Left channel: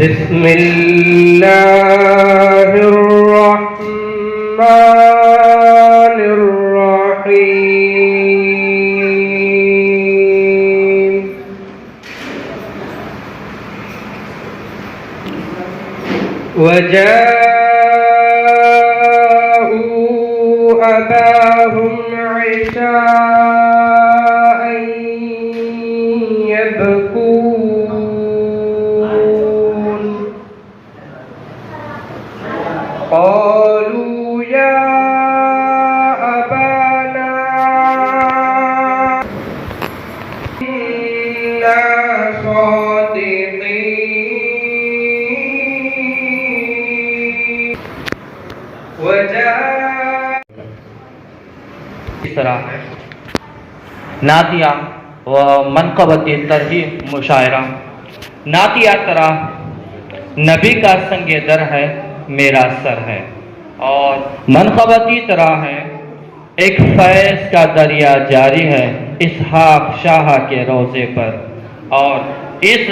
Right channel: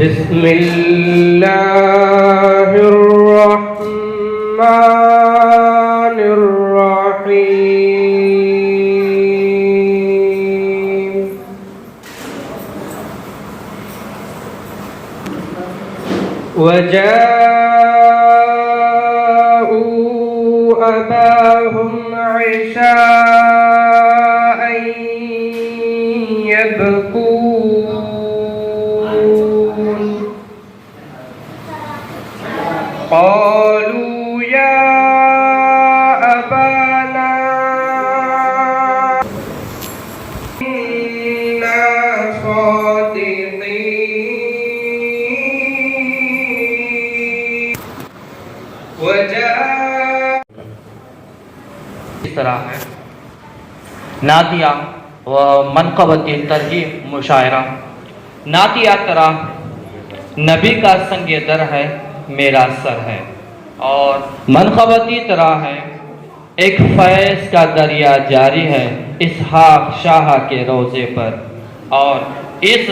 بسم الله الرحمن الرحيم وجاءوا أباهم عشاء يبكون قالوا يا أبانا إنا صادقين اس طرح نعتیہ و منقبت ترجیح مشاعرہ نعتیہ طرح نبی کا سنگ در ہے میرا سر ہے، اور منقبتی طرح ہے ایک فیض کا دریا جاری ہے اسحاق شاہ کے روضے پر۔ اور اس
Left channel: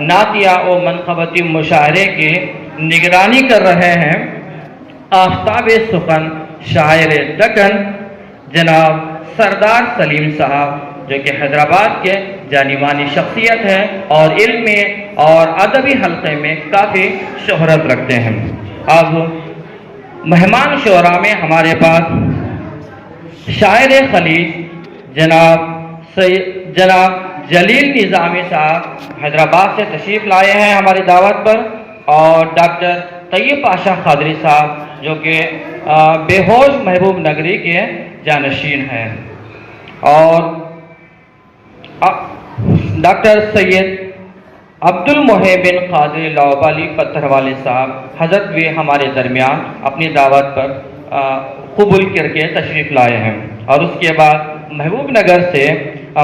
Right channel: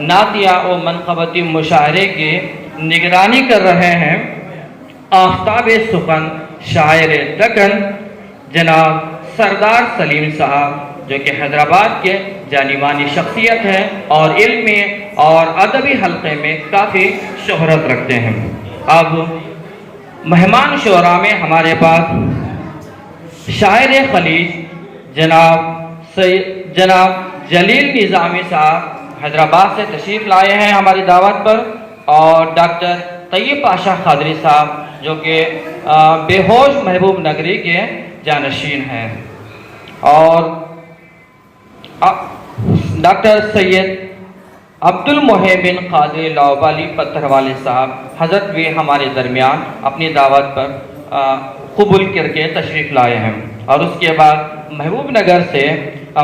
نعتیہ و منقبتی مشاعرے کی نگرانی کر رہے ہیں آفتاب سخن شاعر دکن جناب سردار سلیم صاحب، جو کہ حیدرآباد کے جانی مانی شخصیت ہیں اور علمی اور ادبی حلقے میں کافی شہرت رکھتے ہیں۔ اب مہمان شعراء میں ہمارے پاس شاعر خلیج جناب جلیل نظامی صاحب حیدرآباد سے تشریف لائے ہیں ہماری دعوت پر، اور ڈاکٹر طیب پاشا قادری صاحب جو کہ بے ہوش محبوب نگری کے جانشین ہیں، اور ڈاکٹر سید عبد المحب قادری لاؤبالی پتھر والے صاحب حضرت بھی ہمارے درمیان اپنی دعوت پر قبول کر کے تشریف لائے ہیں، اور اس کے بعد محبوب نگر سے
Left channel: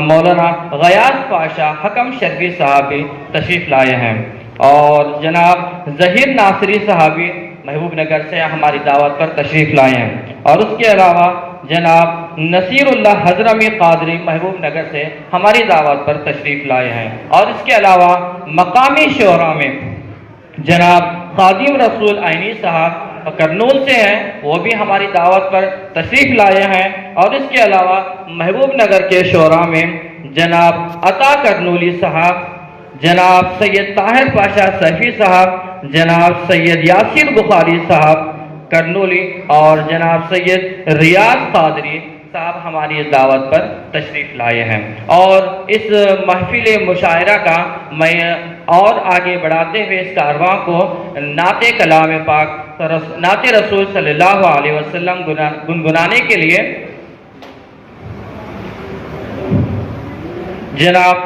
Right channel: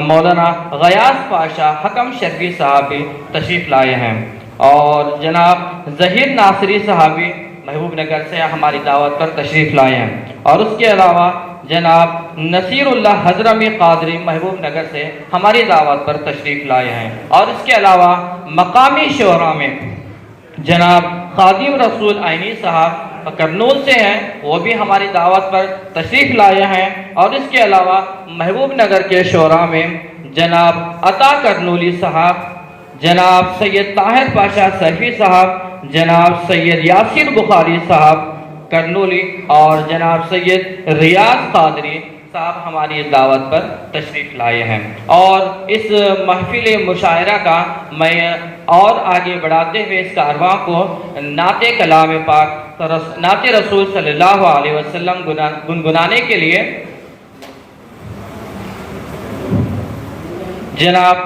مولانا غیاث پاشا حکم شرفی صاحب بھی تشریف لائے ہیں، اور جناب ظہیر ناصری صاحبی محبوب نگر سے ہماری دعوت پر تشریف لائے ہیں، اور اس کے علاوہ جناب نصیر اللہ حضرمی قادری محبوب نگر سے ہماری دعوت پر تشریف لائے ہیں، اور اس کے علاوہ مقامی شعراء میں جناب خادم رسول عینی صاحب کرنول سے ہیں، وہ بھی ہماری دعوت پر تشریف لائے ہیں، اور اس کے علاوہ محبوب نگر کے شعراء میں جناب عطا کرنولی صاحب، جناب سید طاہر پاشا سیفی صاحب، جناب سید یاسر بخاری صاحب کرنولی، اور جناب سید ریاض قادری صاحب ہماری دعوت پر تشریف لائے ہیں۔ اور اس محفل مشاعرہ کا میں اور آگے بڑھاتے ہوئے اس کارواں کو نعت کلام پاک نعت رسول صلی اللہ علیہ وسلم گنگنانے کے لیے جناب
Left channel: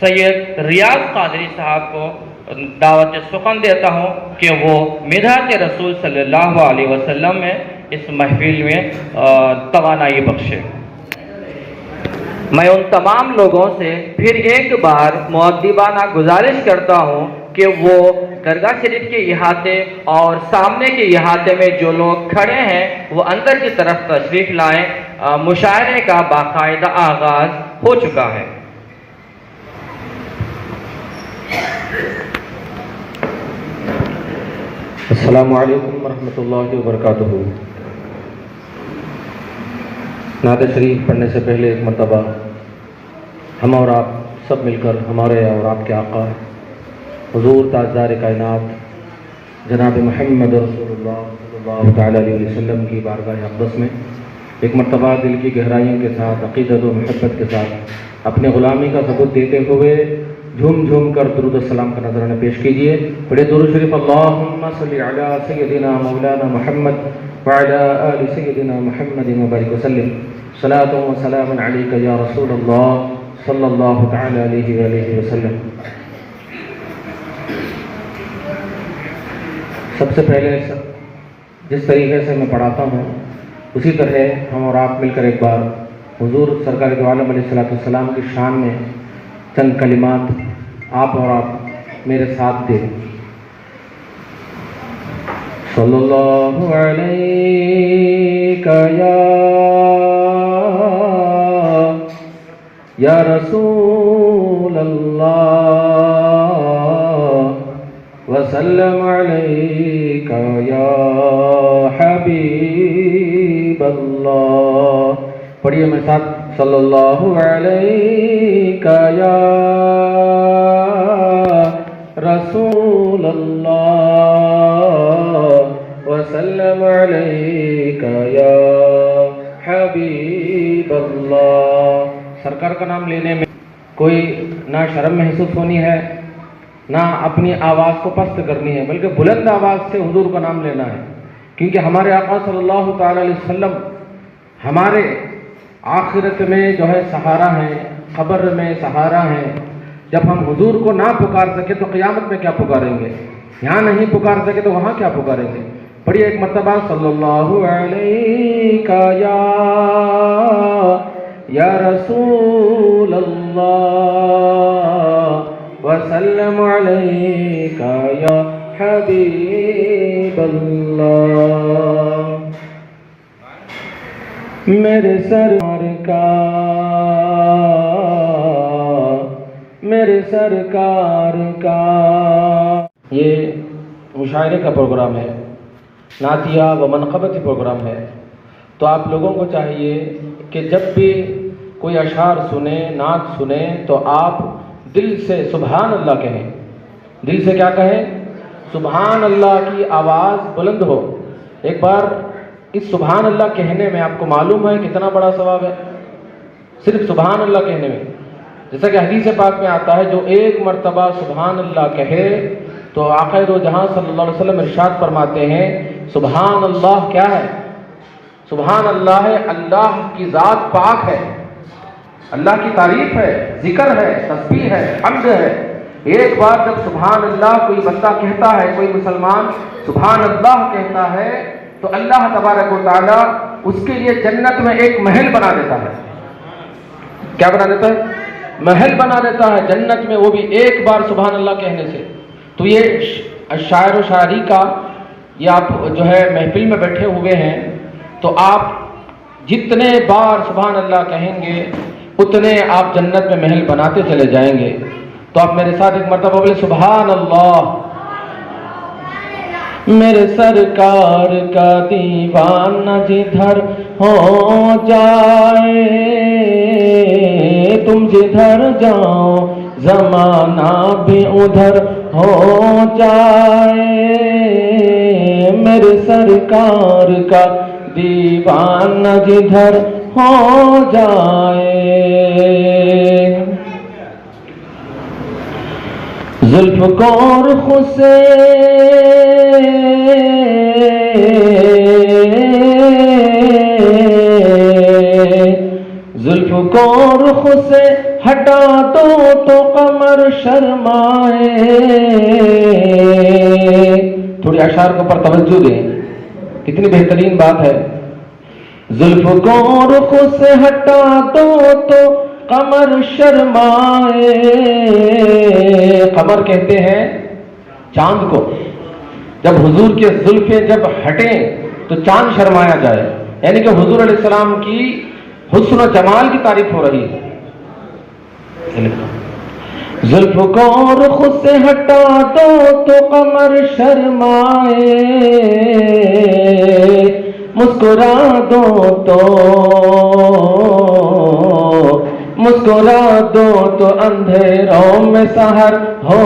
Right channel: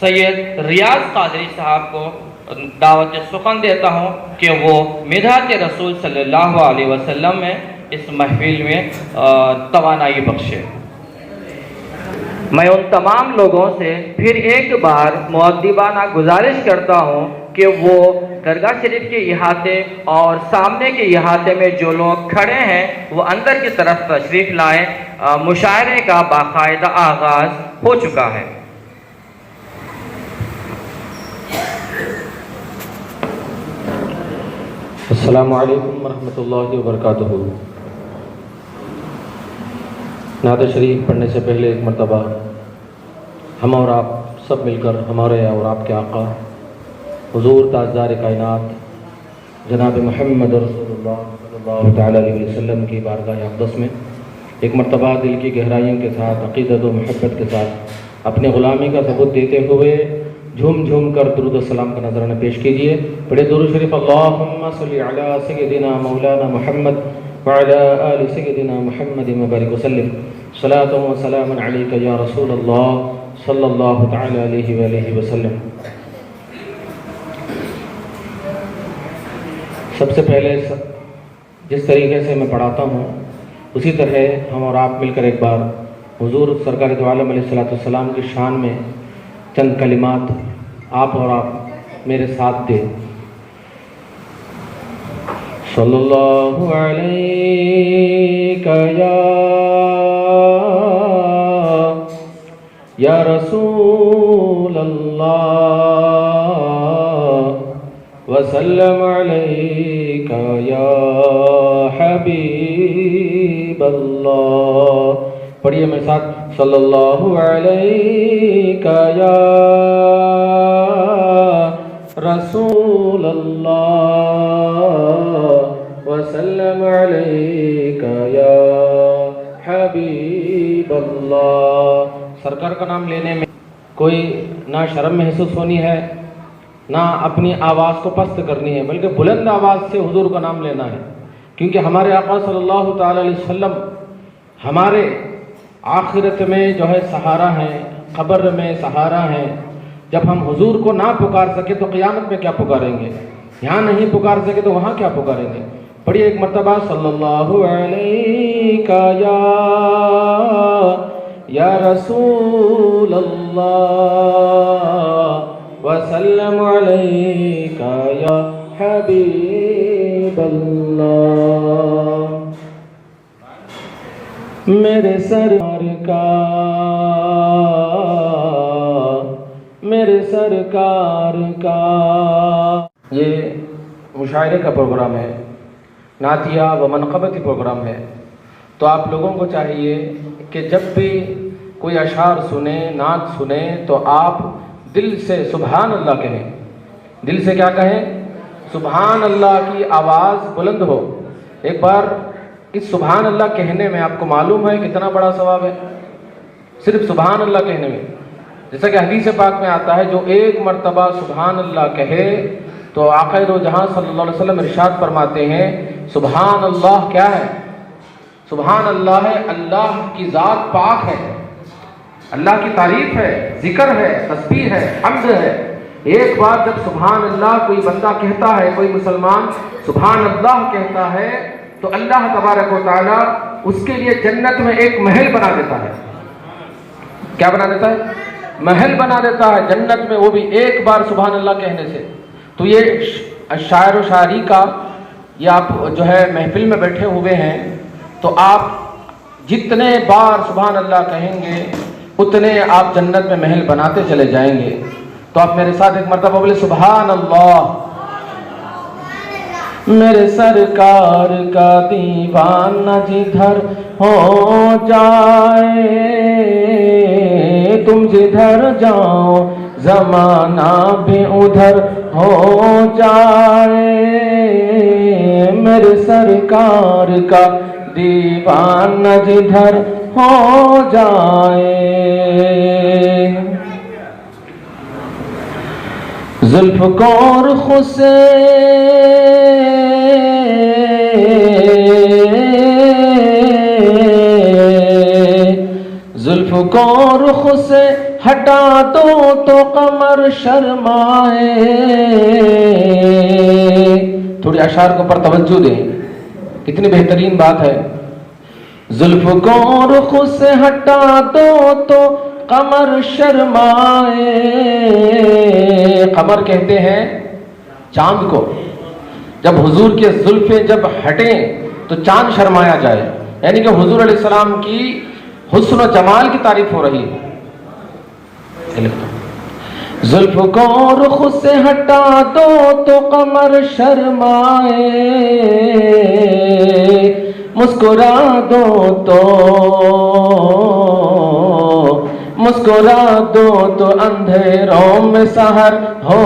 سید ریاض قادری صاحب کو دعوت سخن دیتا ہوں کہ وہ مدحت رسول صلی اللہ علیہ وسلم میں اس محفل میں توانائی بخشے۔ میں ان تمام لوگوں سے پھر ایک بار مؤدبانہ گزارش کرتا ہوں کہ وہ درگاہ شریف کے احاطے اور سامنے کے احاطے میں جو لوگ کھڑے ہیں وہ اندر کی طرف تشریف لائیں، مشاعرے کا باقاعدہ آغاز ہو چکا ہے۔ السلام علیکم ورحمۃ اللہ وبرکاتہ۔ نعت شریف پڑھنے سے پہلے ایک مرتبہ ہم اور آپ سب مل کر ہمارے اور آپ کے آقا حضور تاجدار کائنات جناب محمد رسول اللہ صلی اللہ تعالیٰ علیہ وسلم کی بارگاہ اقدس میں ایک مرتبہ دل کی گہرائیوں کے ساتھ عقیدت و محبت کے ساتھ اپنے غلامی کا ثبوت دیتے ہوئے جھوم جھوم کر درود السلام کا نذرانہ پیش کیجیے۔ پڑھے درود شریف اللہم صلی علی سیدنا مولانا محمد وعلی آل سیدنا محمد وبارک وسلم صلاۃ و سلام علیک یا رسول اللہ صلی اللہ تعالی علیہ وآلہ وسلم۔ سب سے پہلے جس طریقے سے میں پڑھاتا ہوں اسی طرح ہم اور آپ مل کر ایک بار حضور سرکار دو عالم علیہ السلام کی شان میں چند کلمات آپ اور آپ میرے ساتھ دیں۔ صلی اللہ علیہ یا رسول اللہ وسلم عليك يا حبيب الله. پڑھیے میرے ساتھ صلی اللہ علیہ یا رسول اللہ وسلم علیک یا حبیب اللہ. سرکار کا نام لینے میں کوئی نہ شرم محسوس ہونی ہے نہ اپنی آواز کو پست کرنی ہے، بلکہ بلند آواز سے حضور کا نام لینا ہے، کیونکہ ہمارے آقا صلی اللہ تعالی علیہ وسلم ہمارے آخرت میں جو ہے سہارا ہیں، قبر میں سہارا ہیں. جب ہم حضور کو نہ پکار سکے تو قیامت میں کیا پکاریں گے؟ یہاں نہیں پکار سکے تو وہاں کیا پکاریں گے؟ پڑھیے ایک مرتبہ صلی اللہ علیہ یا رسول اللہ وسلم علیک یا حبیب اللہ. میرے سرکار کا یہ مشاعرے کا پروگرام ہے، نعتیہ و منقبتی پروگرام ہے. تو آپ لوگوں کو چاہیے کہ جب بھی کوئی اشعار سنیں، نعت سنیں تو آپ دل سے سبحان اللہ کہیں. دل سے کیا کہیں؟ سبحان اللہ کی آواز بلند ہو. ایک بار اس سبحان اللہ کہنے میں آپ کو معلوم ہے کتنا بڑا ثواب ہے؟ صرف سبحان اللہ کہنے میں، جیسا کہ حدیث پاک میں آتا ہے جو ایک مرتبہ سبحان اللہ کہے تو آقا دو جہاں صلی اللہ علیہ وسلم ارشاد فرماتے ہیں سبحان اللہ کیا ہے؟ سبحان اللہ ہے اللہ کی ذات پاک ہے، اللہ کی تعریف ہے، ذکر ہے، تسبیح ہے، حمد ہے. ایک بار جب سبحان اللہ کوئی بندہ کہتا ہے، کوئی مسلمان سبحان اللہ کہتا ہے تو اللہ تبارک و تعالی اس کے لیے جنت میں ایک محل بنا دیتا ہے. کیا بنا دیتا ہے؟ محل بنا دیتا ہے جنت میں، وہ بھی ایک بار سبحان اللہ کہنے سے. تو یہ شاعر و شاعری کا یہ آپ جو ہے محفل میں بیٹھے ہوئے ہیں تو آپ جتنے بار سبحان اللہ کہیں گے اتنے آپ جنت میں محل بناتے چلے جائیں گے. تو آپ میرے ساتھ ایک مرتبہ بولے سبحان اللہ. میرے سرکار کا دیوانہ جدھر ہو جائے، تم جدھر جاؤ زمانہ بھی ادھر ہو جائے. میرے سرکار کا دیوانہ جدھر ہو جائے. زلف کو رخ سے زلف کو رخ سے ہٹا دو تو قمر شرمائے. تھوڑی اشعار کے اوپر توجہ دیں، کتنی بہترین بات ہے. زلف کو رخ سے ہٹا دو تو قمر شرمائے. قمر کہتے ہیں چاند کو. جب حضور کے زلفیں جب ہٹیں تو چاند شرمایا جائے، یعنی کہ حضور علیہ السلام کی حسن و جمال کی تعریف ہو رہی ہے. زلف کو رخ سے ہٹا دو تو قمر شرمائے، مسکرا دو تو اندھیروں میں سحر ہو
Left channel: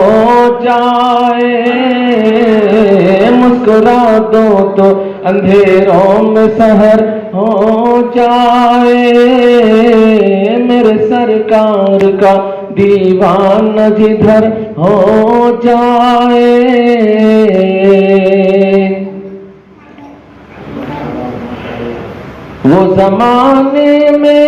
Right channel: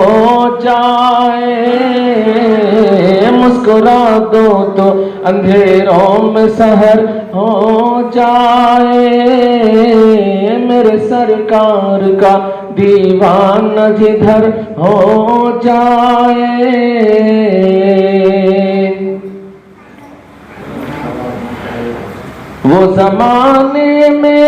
جائے. مسکرا دو تو اندھیروں میں سحر ہو جائے. میرے سرکار کا دیوانہ جدھر ہو جائے. وہ زمانے میں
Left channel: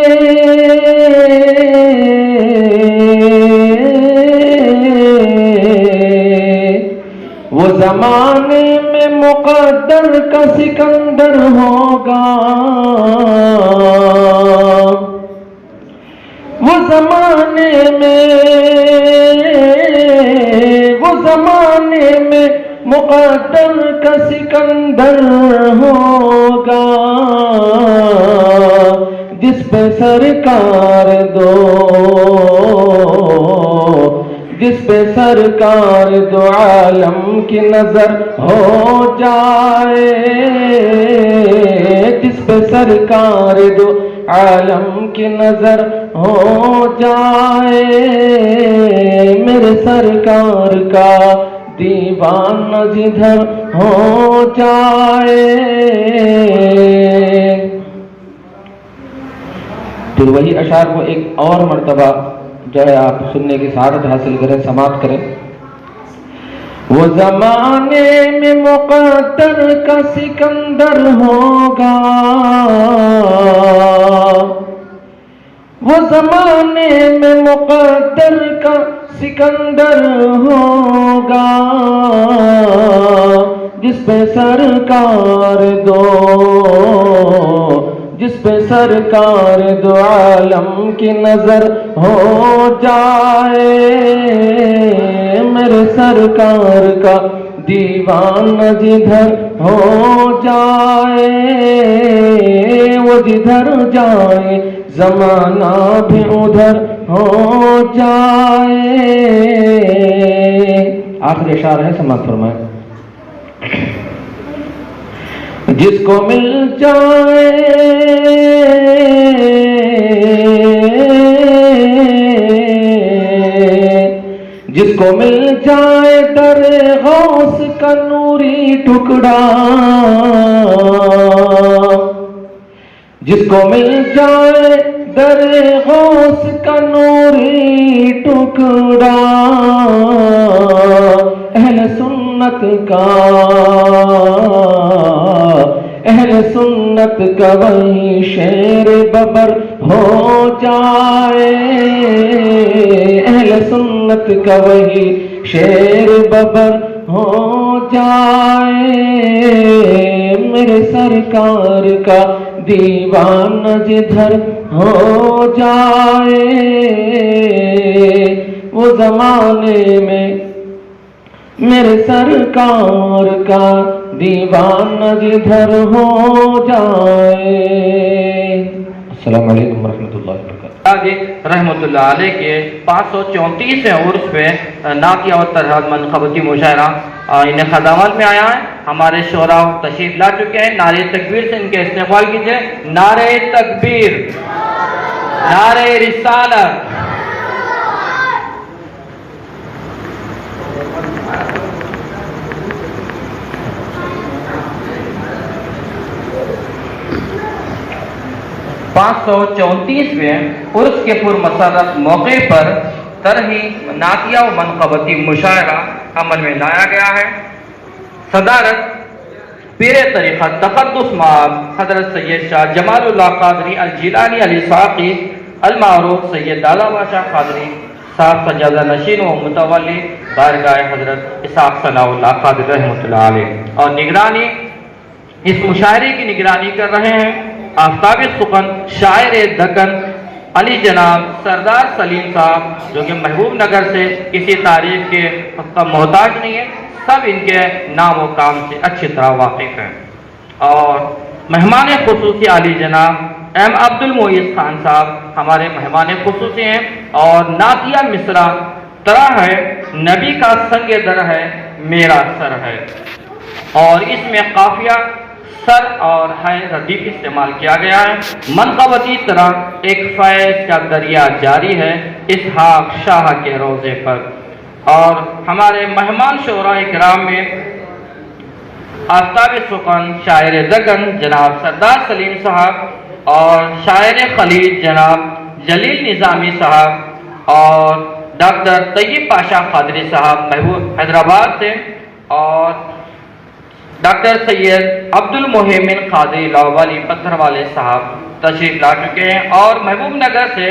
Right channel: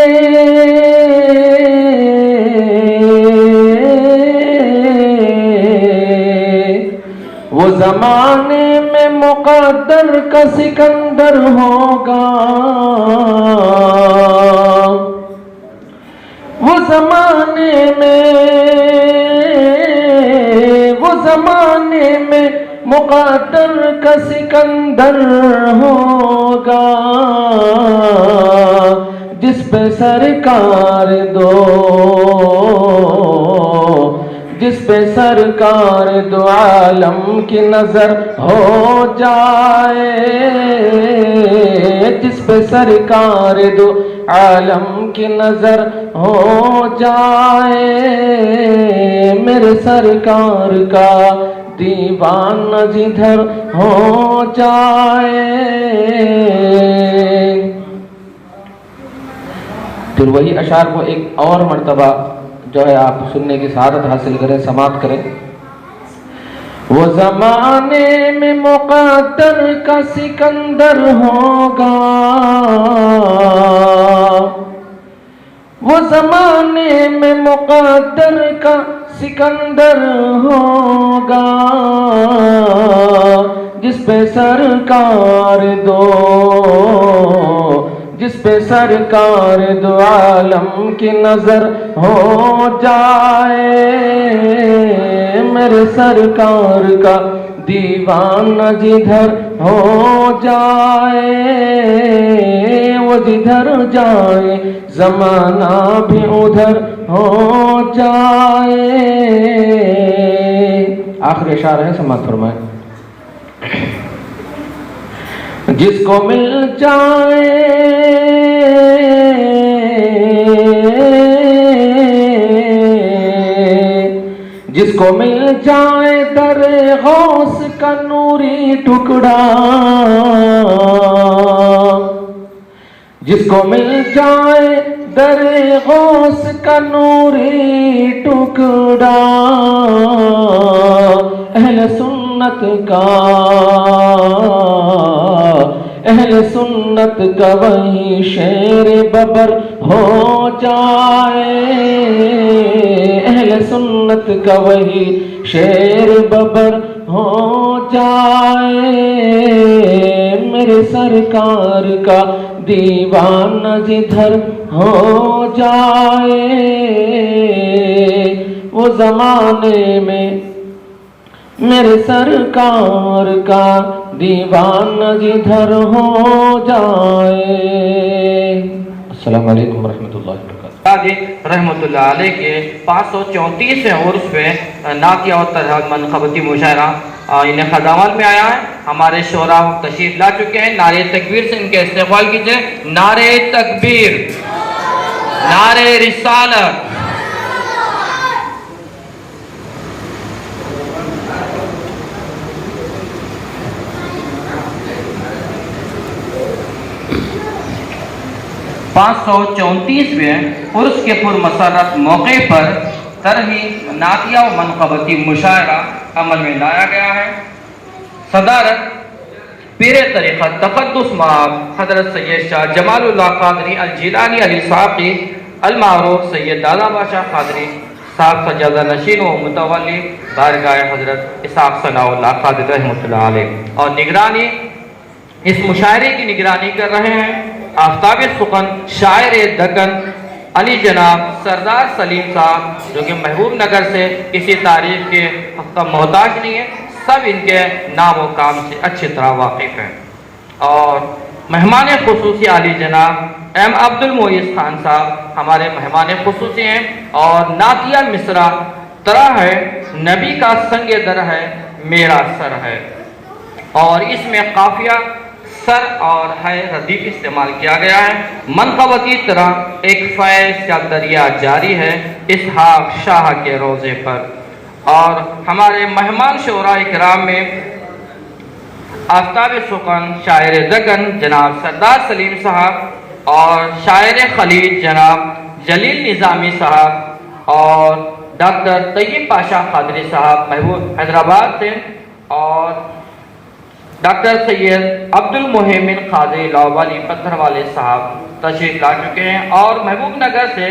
مقدر کا سکندر ہوگا. وہ زمانے میں مقدر کا سکندر ہوگا. جس پہ سرکار دو پہ سرکار دو عالم کی نظر ہو جائے، جس پہ سرکار دو عالم کی نظر ہو جائے، میرے سرکار کا دیوانہ جدھر ہو جائے۔ پھر وہی اشعار کو ایک اور مرتبہ جو ہے آپ سننے کی سعادت حاصل کریں، سماعت کریں۔ وہ زمانے میں مقدر کا سکندر ہوگا، وہ زمانے میں مقدر کا سکندر ہوگا، جس پہ سرکار دو عالم کی نظر ہو جائے، میرے سرکار کا دیوانہ جدھر ہو جائے، وہ جدھر جائے زمانہ بھی ادھر ہو جائے۔ آخری اشعار ہے، سماعت فرمائیں۔ جس کو مل جائے در غوث کا نوری ٹکڑا، جس کو مل جائے در غوث کا نوری ٹکڑا، اہل سنت کا وہی شیر ببر ہو جائے، اہل سنت کا وہی شیر ببر ہو جائے، میرے سرکار کا دیوانہ جدھر ہو جائے، وہ زمانے میں میرے سرکار کا دیوانہ جدھر ہو جائے۔ السلام علیکم ورحمۃ اللہ وبرکاتہ۔ رحمۃ اللہ علیہ کے 534 عرس پہ نعتیہ و ترہم منقبتی مشاعرہ انہیں خدامت میں آیا ہے۔ ہمارے شعراء تشریف لا چکے ہیں، نعرہ تکبیر سے ان کے استقبال کیجئے۔ نعرہ تکبیر، نعرہ رسالت۔ پانچ سو 34ویں عرس کے پر مسرت موقع پر طرحی نعتیہ و منقبتی مشاعرہ عمل میں لایا گیا ہے۔ صدارت پیر طریقت تقدس مآب حضرت سید شاہ جمال اللہ قادری الجیلانی علی ساقی المعروف سید دادا باشا قادری صاحب سجادہ نشین و متولی بارگاہ حضرت اسحاق ثناء اللہ قادری رحمۃ اللہ علیہ، اور نگرانی اس مشاعرے کی نگرانی کر رہے ہیں آفتاب سخن شاعر دکن علی جناب سردار سلیم صاحب، جو کہ محبوب نگر سے کسی تعریف کے محتاج نہیں ہے، سب ان کے نام و کام سے اچھی طرح واقف ہیں۔ اور مہمان خصوصی علی جناب ایم عبد المعیز خان صاحب ہمارے مہمان خصوصی ہیں، اور نعتیہ مصرع طرح ہے نبی کا سنگ در ہے میرا سر ہے، اور اس میں قافیہ سر اور ہے ردیف استعمال کیا گیا ہے۔ منقبتی طرح ایک فیض کا دریا جاری ہے اسحاق شاہ کے روزے پر، اور ہمارے مہمان شعراء کرام میں آفتاب سخن شاعر دکن جناب سردار سلیم صاحب، اور شاعر خلیج جناب جلیل نظامی صاحب، اور ڈاکٹر طیب پاشا قادری صاحب محبوب حیدرآباد سے، اور ڈاکٹر سید عبد المحمن قادری لاہوری پتھر والے صاحب تشریف لا چکے ہیں، اور محبوب نگر سے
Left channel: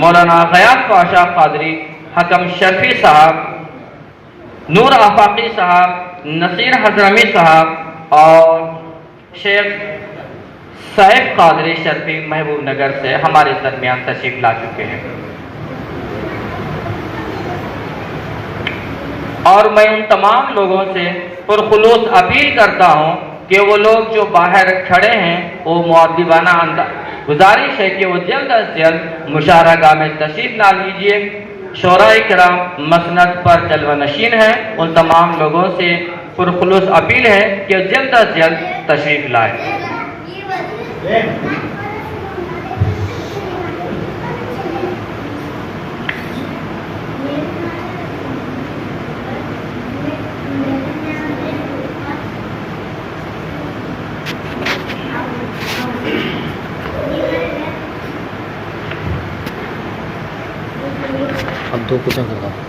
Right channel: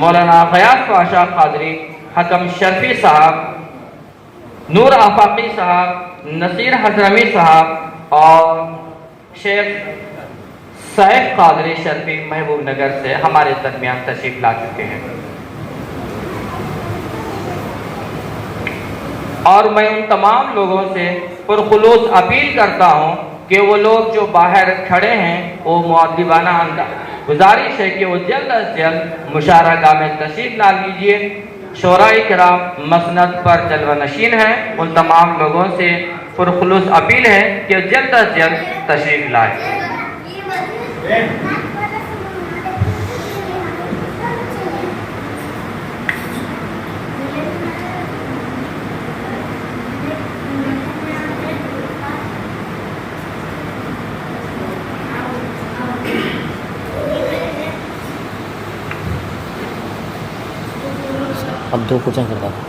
مولانا غیاث پاشا قادری حکم شرفی صاحب، نور آفاقی صاحب، نصیر حضرمی صاحب، اور شیخ سیف قادری شرفی محبوب نگر سے ہمارے درمیان تشریف لا چکے ہیں۔ اور میں ان تمام لوگوں سے پرخلوص اپیل کرتا ہوں کہ وہ لوگ جو باہر کھڑے ہیں وہ مؤدبانہ گزارش ہے کہ وہ جلد از جلد مشاعرہ گاہ میں تشریف لا لیجئے۔ شعراء کرام مسند پر جلوہ نشین ہیں، ان تمام لوگوں سے پرخلوص اپیل ہے کہ جلد از جلد تشریف لائیں۔ اب 2 کوشچن کرتا ہوں۔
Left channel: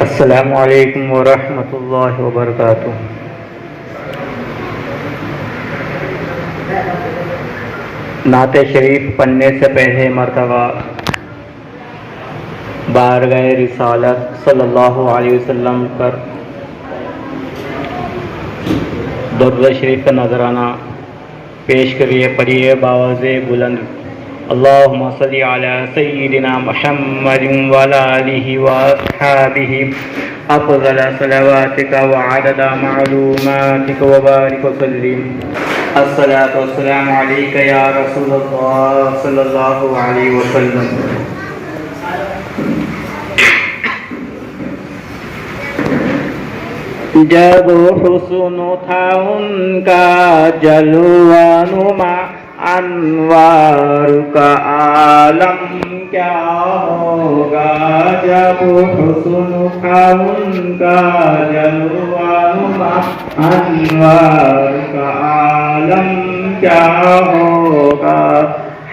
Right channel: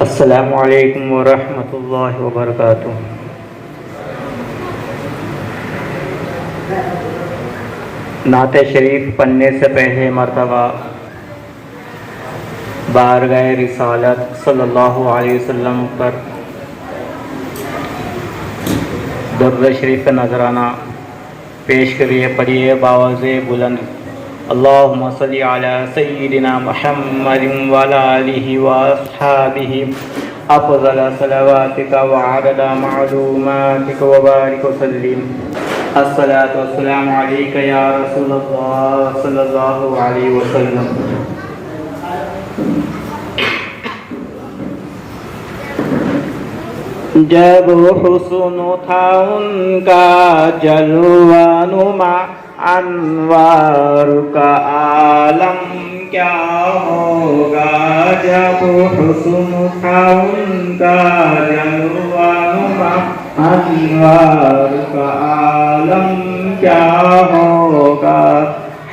السلام علیکم ورحمۃ اللہ وبرکاتہ۔ نعت شریف پڑھنے سے پہلے مرتبہ بارگاہ رسالت صلی اللہ علیہ وسلم پر درود شریف کا نذرانہ پیش کریے، پڑھیے باوز بلند۔ اللہم صلی علی سیدنا محمد وعلی آلہ واصحابہ افضل صلواتک وعدد معلوماتک وبارک وسلم۔ الصلاۃ والسلام علیک یا رسول اللہ صلی اللہ علیہ وسلم۔ جب حسن تھا ان کا جلوہ نما، انوار کا عالم کیا ہوگا۔ جب حسن تھا ان کا جلوہ نما، انوار کا عالم کیا ہوگا۔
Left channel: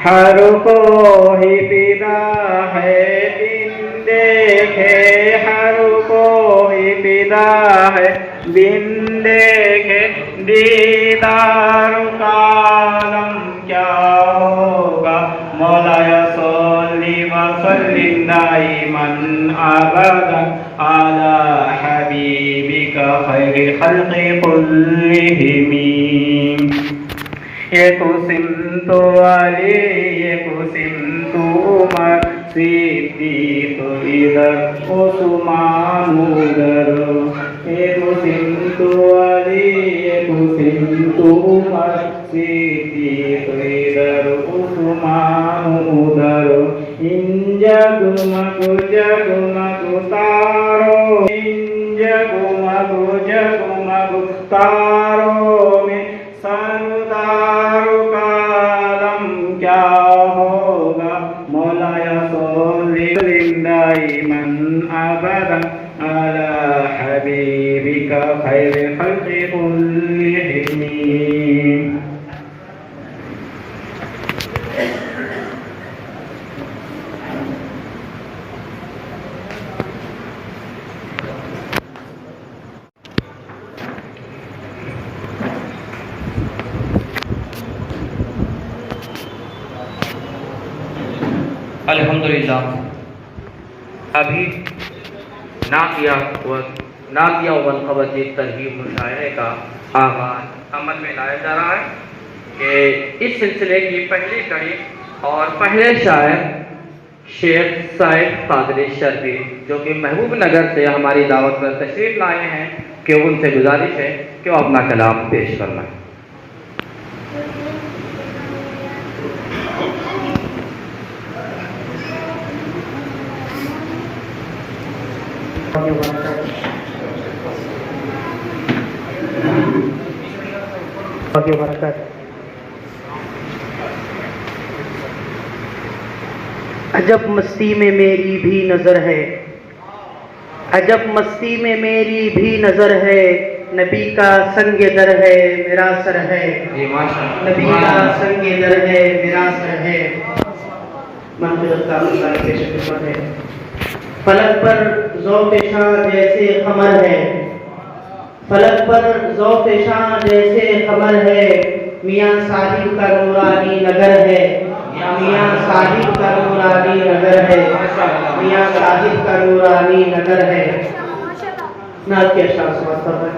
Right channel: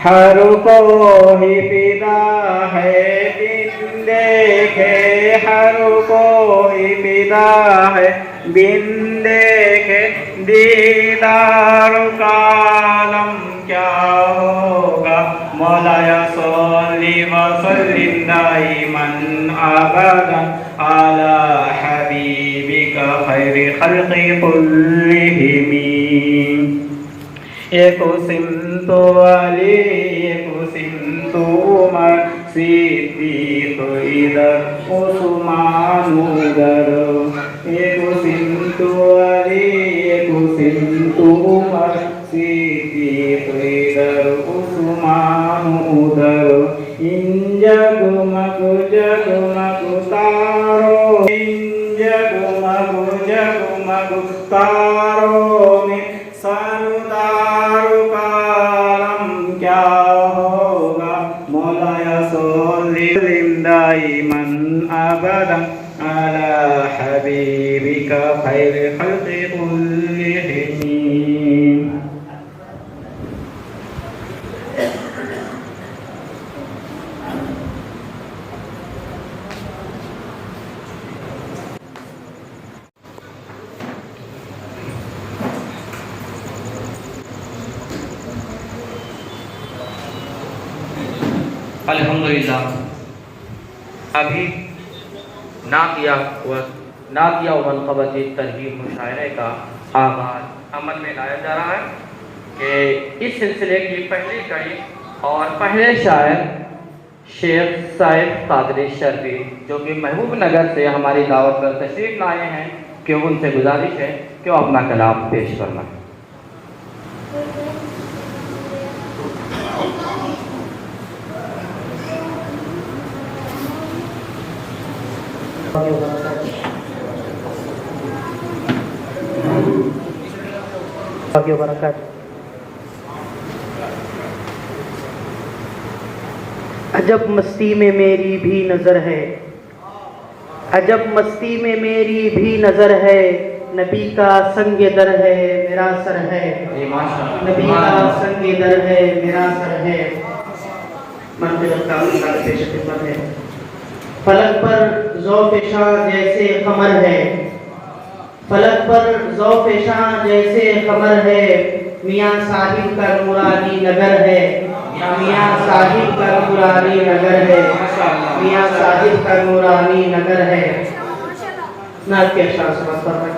ہر کوئی فدا ہے بن دیکھے، ہر کوئی فدا ہے بن دیکھے، دیدار کا عالم کیا ہوگا۔ مولایا صلی وسلم دائما ابدا علی حبیبک خیر خلق کلہم۔ ایک سمت علی، ایک سمت عمر، صدیق ادھر عثمان ادھر۔ ایک سمت علی، ایک سمت عمر، صدیق ادھر عثمان ادھر۔ ان جگمگ جگمگ تاروں، ان جگمگ جگمگ تاروں میں سردار کا عالم کیا ہوگا۔ مولایا صلی دائما ابدا علی حبیبک خیر خلق کلہم۔ الحمدللہ ابھی نعتیہ و منقبت ترغیب مشاعرے کا آغاز عمل میں لایا جا رہا ہے کہ اس سلسلے کی پہلی کڑی اور پہلے شاعر شیخ صاحب قادری شربی جو کہ محبوب نگر سے ہماری دعوت پر تشریف لائے ہیں کہ ان سے گزارش ہے کہ وہ اپنا کلام پیش کرنا ہے۔ عجب مستی میں میری بھی نظر ہے، عجب مستی میں میری بھی نظر ہے، نبی کا سنگ در ہے میرا سر ہے، نبی کا سنگ در ہے میرا سر ہے۔ منطق کا مطلب پیش خدمت ہے۔ فلک پر ذوق شاہ جیسے قمر ہے، فلک پر ذوق شاہ جیسے قمر ہے، میاں صاحب کا نورانی نگر ہے، میاں صاحب کا نورانی نگر ہے، میاں صاحب کا نورانی نگر ہے۔ نعت کے اشعار سماعت فرمائیں۔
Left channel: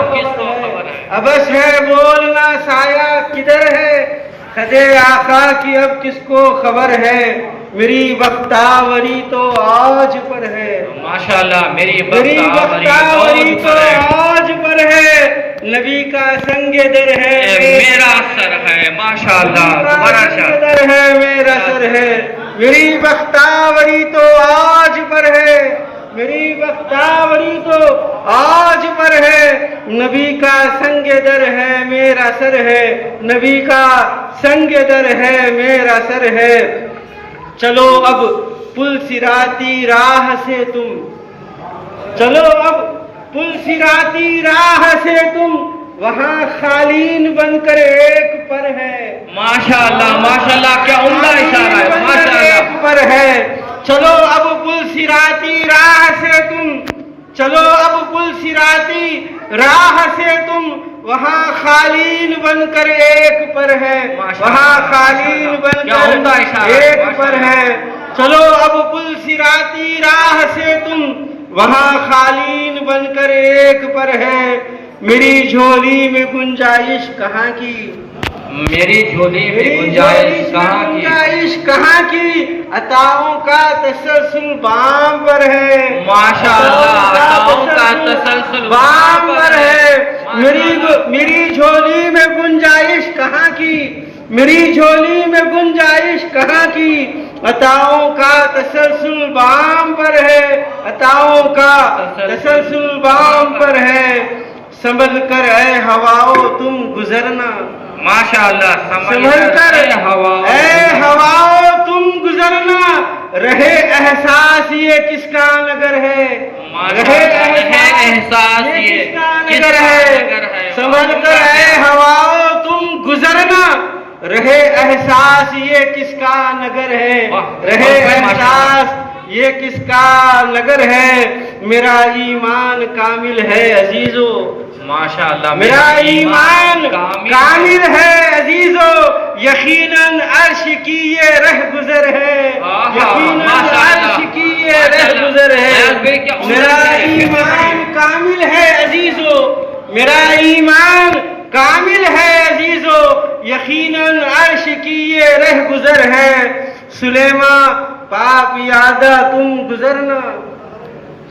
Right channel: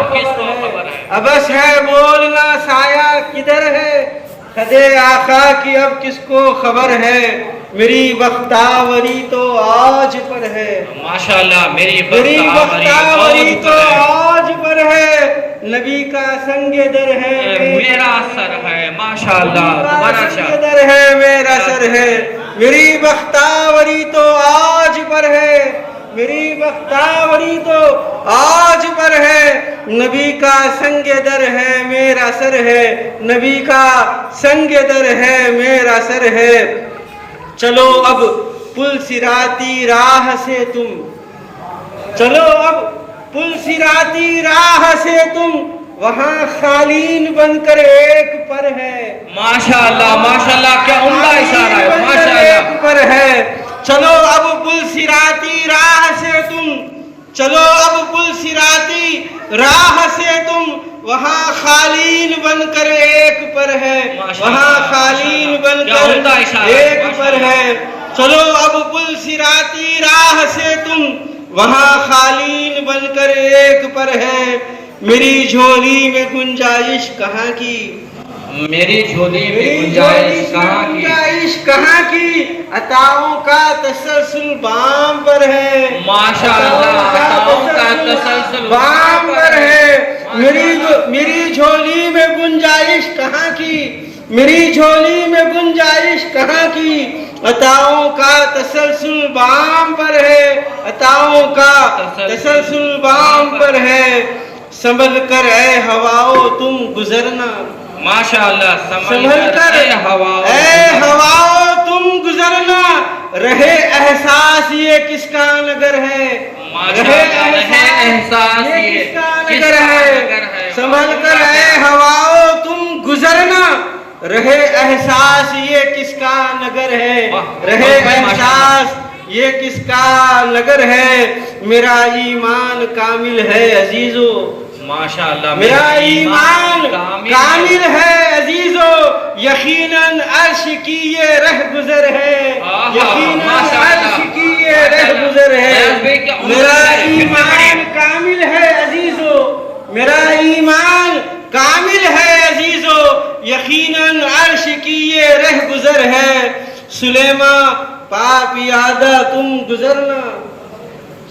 اب کس کو خبر ہے؟ ابس ہے بولنا سایہ کدھر ہے، خدے آقا کی اب کس کو خبر ہے، میری بختاوری تو آج پر ہے، ماشاءاللہ میری بختاوری تو آج پر ہے، نبی کا سنگ در ہے میرا سر ہے، ماشاءاللہ بڑا سنگ در ہے میرا سر ہے، میری بختاوری تو آج پر ہے، میری بختاوری تو آج پر ہے، نبی کا سنگ در ہے میرا سر ہے، نبی کا سنگ در ہے میرا سر ہے، چلو اب پل صراطی راہ سے تم، چلو اب پل صراطی راہ سے تم، وہاں خالین بن کر ایک پر ہے، ماشاءاللہ ماشاءاللہ کیا عمدہ اشارہ ہے، ماشاءاللہ ایک پر ہے، چلو اب پل صراطی راہ سے تم، چلو اب پل صراطی راہ سے تم، وہاں خالین بن کر ایک پر ہے، وہاں خالین بن کر ایک پر ہے، چلو اب پل صراطی راہ سے تم، وہاں خالین بن کر ایک پر ہے، میری جھولی میں گنجائش کہاں کی، میری جھولی میں گنجائش کہاں کی، گنجائش کہاں کی، عطاؤں کا تسلسل بام پر ہے، ماشاءاللہ عطاؤں کا تسلسل بام پر ہے، میری جھولی میں گنجائش کہاں کی، میری جھولی میں گنجائش کہاں کی، عطاؤں کا تسلسل بام پر ہے، عطاؤں کا تسلسل بام پر ہے، سنبھل کر اے ہواؤ تم گزرنا، ماشاءاللہ سنبھل کر اے ہواؤ تم گزرنا، رہے احساس یہ کس کا نگر ہے، رہے احساس یہ کس کا نگر ہے، سنبھل کر اے ہواؤ تم گزرنا، رہے احساس یہ کس کا نگر ہے، رہے احساس یہ کس کا نگر ہے، میرا ایمان کامل ہے عزیزو، ماشاءاللہ میرا ایمان کامل ہے عزیزو، یقیناً عرش کی یہ رہ گزر ہے، یقیناً عرش کی یہ رہ گزر ہے، میرا ایمان کامل ہے عزیزو، میرا ایمان کامل ہے عزیزو، یقیناً عرش کی یہ رہ گزر ہے، سلیمان پاپ یادہ تم گزرنا،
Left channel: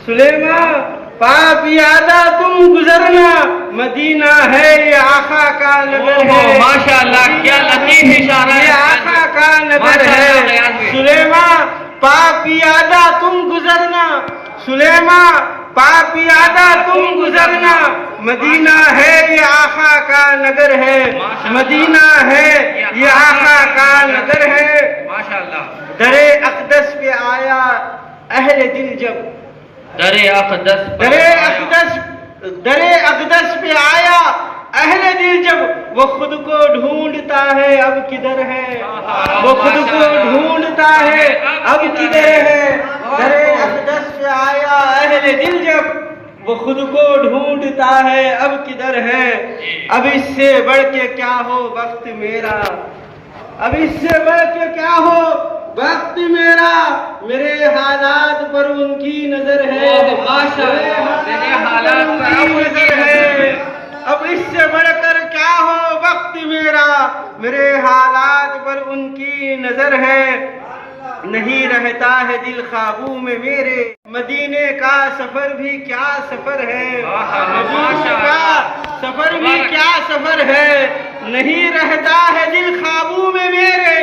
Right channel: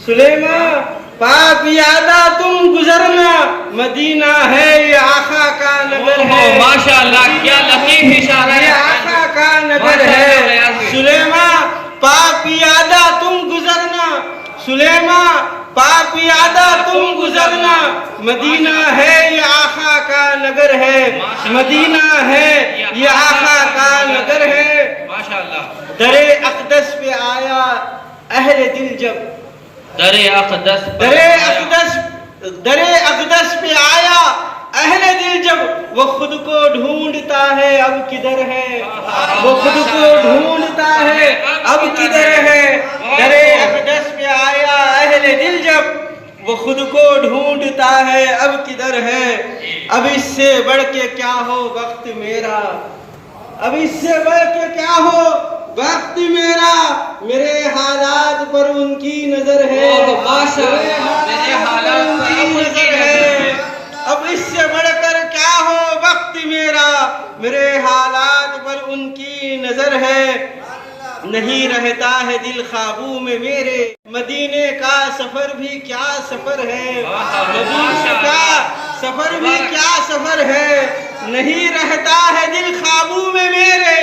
سلیمان پاپ یادہ تم گزرنا، مدینہ ہے یہ آقا کا نگر ہے، ماشاءاللہ کیا لطیف اشارہ ہے، یہ آقا کا نگر ہے، سلیمان پاپ یادہ تم گزرنا، سلیمان پاپ یادہ تم گزرنا، مدینہ ہے یہ آقا کا نگر ہے، مدینہ ہے یہ آقا کا نگر ہے، ماشاءاللہ در اقدس پہ آیا اہل دل جب، در اقدس پہ آیا اہل دل جب، وہ خود کو ڈھونڈتا ہے اب کدھر ہے، وہ خود کو ڈھونڈتا ہے اب کدھر ہے، در اقدس پہ آیا اہل دل جب، وہ خود کو ڈھونڈتا ہے اب کدھر ہے، اب اس سے بڑھ کے کیا ہو وقت میرا، اب اس سے بڑھ کے کیا ہو وقت میرا، میرے حالات پر ان کی نظر ہے، میرے حالات پر ان کی نظر ہے، اب اس سے بڑھ کر کیا ہو وقت میرا، میرے حالات پر ان کی نظر ہے، نہیں رہتا ہے دل خوابوں میں میرے، مدینے کا سفر بھی کیا سفر ہے، مدینے کا سفر بھی کیا سفر ہے، نہیں رہتا ہے دل خوابوں میں میرے،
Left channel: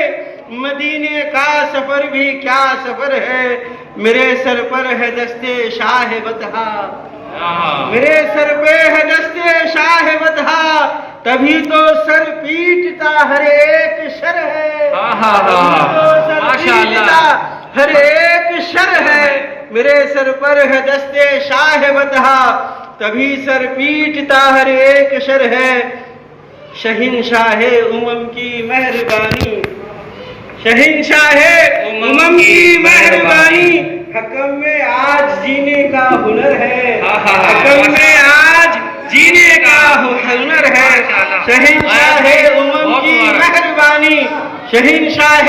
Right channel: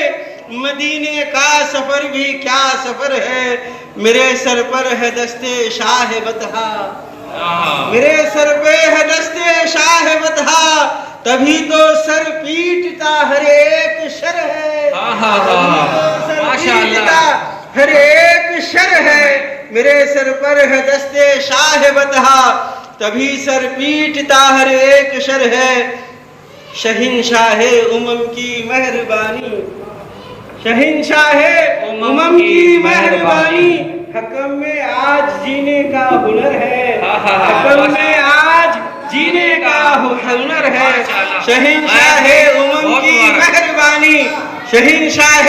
مدینے کا سفر بھی کیا سفر ہے، میرے سر پر ہے دستے شاہ بطحا، میرے سر پہ ہے دستے شاہ بطحا، تبھی تو سر پیٹتا ہر ایک شر ہے، تبھی تو سر پیٹتا ہر ایک شر ہے، میرے سر پر ہے دستے شاہ بطحا، تبھی سر پیٹتا ہر ایک شر ہے، شہنشاہ امم کی مہربانی، شہنشاہ امم کی مہربانی، حکم میں آج جینے کا ہنر ہے، حکم میں آج جینے کا ہنر ہے، شہنشاہ امم کی مہربانی، شہنشاہ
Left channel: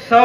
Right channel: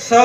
100